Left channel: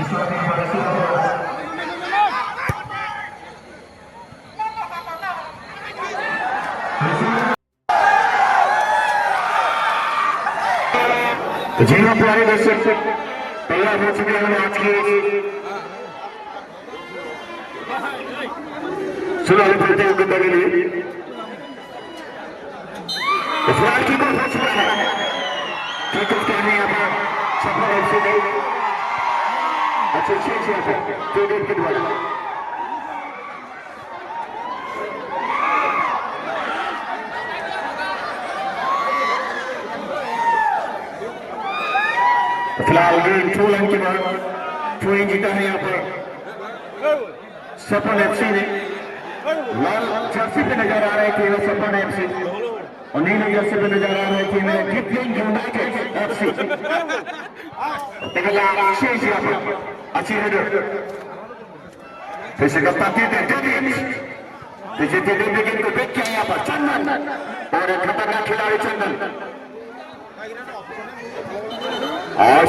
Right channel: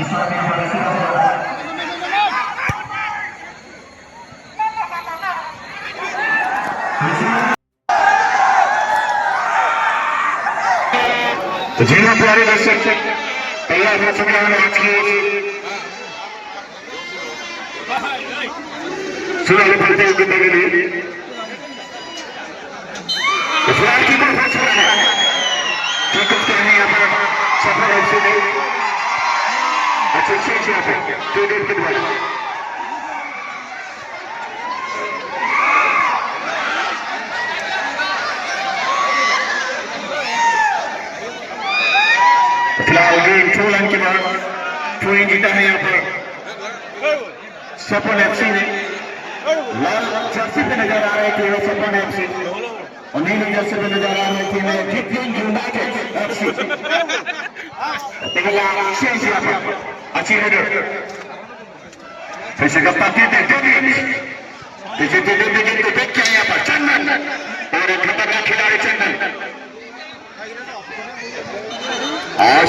तो जी हाँ प्यारे दर्शक तैयार हो चुके हैं आज के चुनावी प्रतियोगिता के लिए। तो फिलहाल की कोई हो चुका है कि कुछ कहने यहाँ पर सफल ऐसे नहीं अच्छे अच्छे यहाँ पे जो देर के द्वारा फिलहाल गेम 2 रन के बाद 2 जीता है यहाँ पे सपन एफसी ने। लाल जर्सी पे नजर आ रहे थे सपन एफसी और नीली जर्सी पे नजर आ रहे थे गिफ्टिंग यूनाइटेड एफसी। अच्छी हेडर फिर से गप्पा देख क्या यहाँ पर चंदन और एक खतरनाक खिलाड़ी चंदन और